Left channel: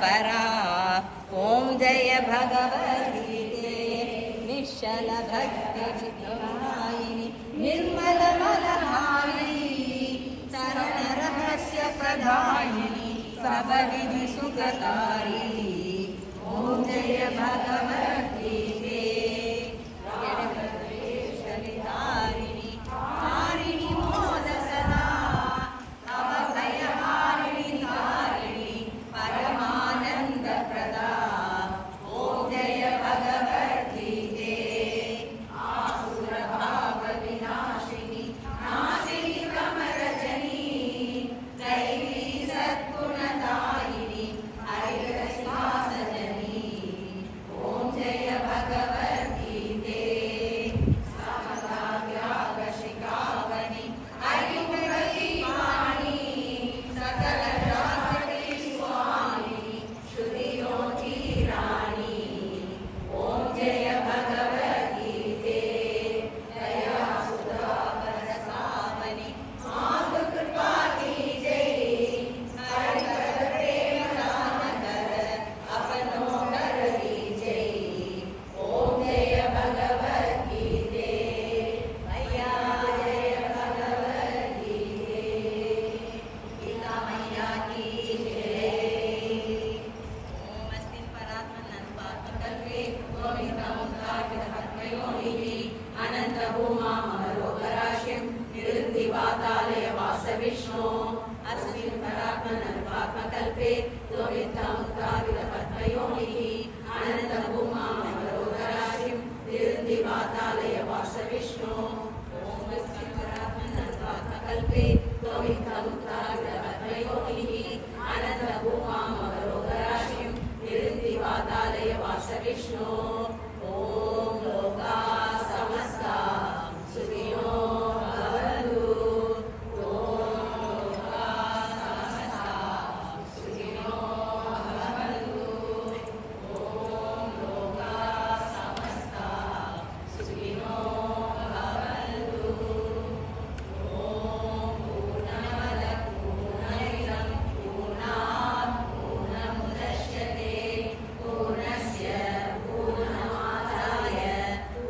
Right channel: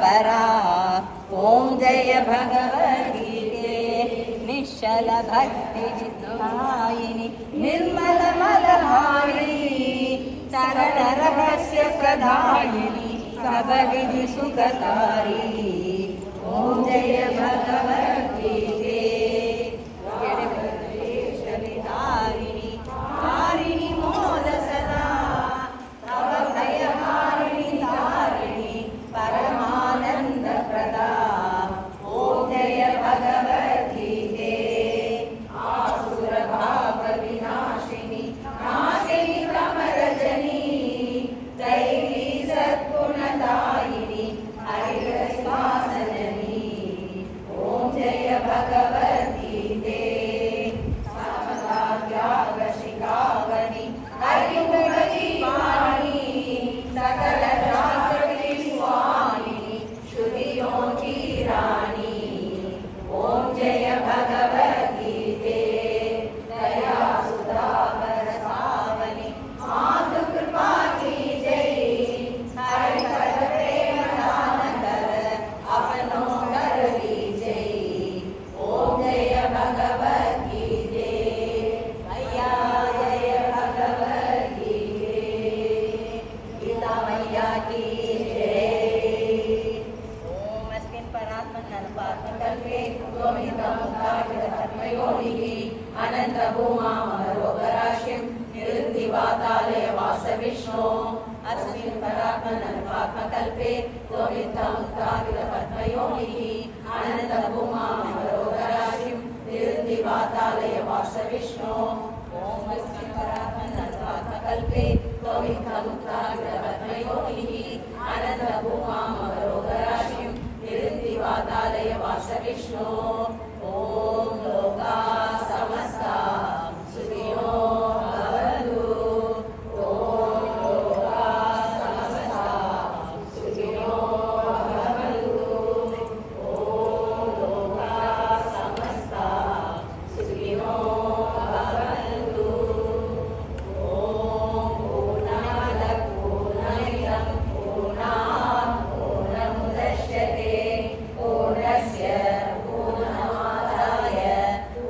परा। ओम जय भगवद्गीते निश्चल भक्ति चित्तदायिनी निर्मल मदहारिणी सरल रहस्य प्रदायिनी सबविधि सुखकारी। ओम जय भगवद्गीते जगदीश्वरिधारिणी तारिणी मोद सदा तव भयहारिणी तारिणी परमानंद प्रदा। ओम जय भगवद्गीते आसुर भाव विनाशिनी नाशिनी कमरजनी दैवी सद्गुणदायिनी हरिश्वासजनी। ओम जय भगवद्गीते समता त्याग शिखामणि हरिमुखदीवानी सकल शास्त्री स्वामी श्रुतियों की रानी। ओम जय भगवद्गीते दया सुधा बरसावनी मातु कृपा की जय हरि पद प्रेम दान कर अपनों कर लीजय। ओम जय भगवद्गीते मैया जय भगवद्गीते गीता मैया की जय। ओम अस्मिन् परात्मन् अनुपात्मकल्पे गोविन्दमुक्ताग्रहत्मयोनिः अनन्तभूमामरोगराशिं निरुद्धिवातालय वासविष्णो। अस्मिन् परात्मन् अनुपात्मकल्पे गोविन्दमुक्ताग्रहत्मयोनिः अनन्तभूमामरोगराशिं निरुद्धिवातालय वासविष्णो। ओम अस्मिन् परात्मन् अनुपात्मकल्पे गोविन्दमुक्ताग्रहत्मयोनिः अनन्तभूमामरोगराशिं निरुद्धिवातालय वासविष्णो। ओम लोकाः समस्ताः सुखिनो भवन्तु। ओम लोकाः समस्ताः सुखिनो भवन्तु। ओम लोकाः समस्ताः सुखिनो भवन्तु। ओम पूर्णमदः पूर्णमिदं पूर्णात् पूर्णमुदच्यते पूर्णस्य पूर्णमादाय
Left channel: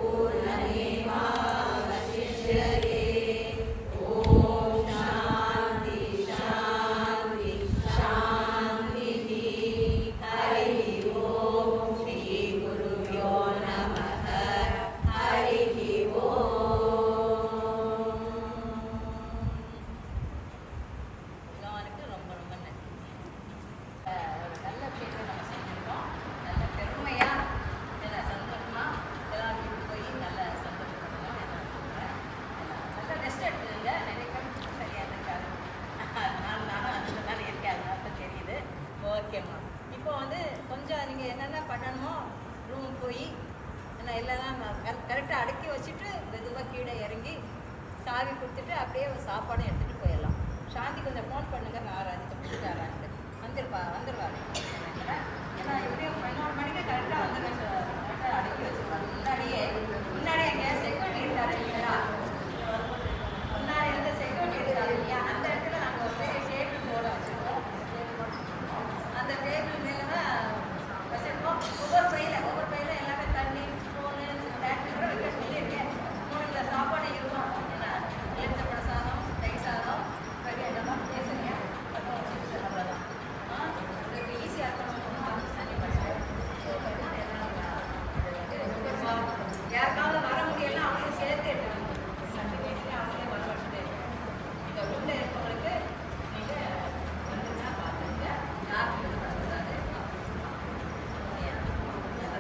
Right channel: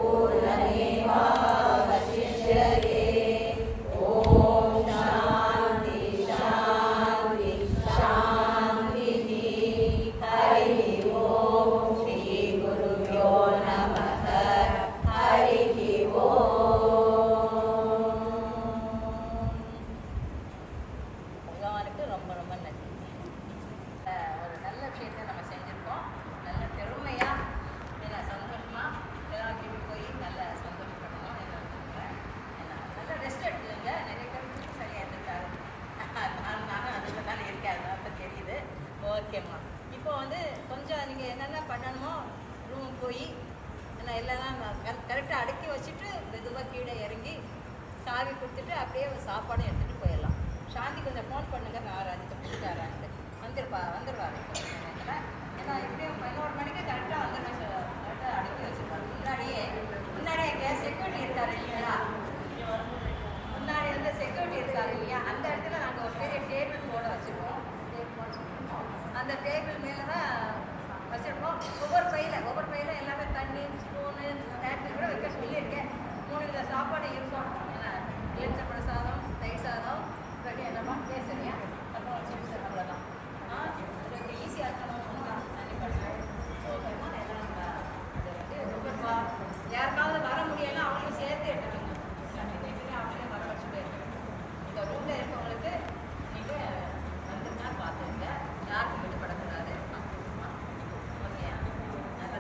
पूर्णमेवावशिष्यते। ओम शान्ति शान्ति शान्तिः। हरिः ओम श्री गुरुभ्यो नमः। हरिः ओम। பகவானுக்கு ரொம்ப ரொம்ப நன்றி. ஒரு நல்ல விஷயத்தை நம்ம செஞ்சுருக்கோம். நல்ல பெருமையாக என்ன சந்தோஷமாக எல்லாம் வீட்டுக்கு போய் நல்ல சந்தோஷப்படணும். என்ன நல்ல ரெஸ்ட் எடுத்துக்கோங்க. நிறைய பேர் சரியாக இருந்துருக்காரு. நானும் அதில் தானே இருக்கேன். அதனால இப்போ தெரியுது. ஓகேம்மா. இப்போ வந்து கொஞ்சம் நீங்கள் என்னென்ன பண்ணணுமோ ரூம் போய் என்ன எல்லாம் கரெக்டாக அடக்கி வச்சுட்டு மெதுவாக கீழே இறங்கி சாவி கொடுத்துட்டு அப்படியே சாப்பாடும் எடுத்துகிட்டு போயிடலாம். சாந்தி கொஞ்சம் ஃபோன் பண்ணுங்க. நான் ராஜித்தை பிடிச்சாரான்ட்டு வந்துடுவாரு. ஏன்னா எப்படியும் 11 மணிக்கு கரெக்டாக வந்துடும். கரெக்டாக அடக்கி வச்சுருவாங்க. முன்னாடியே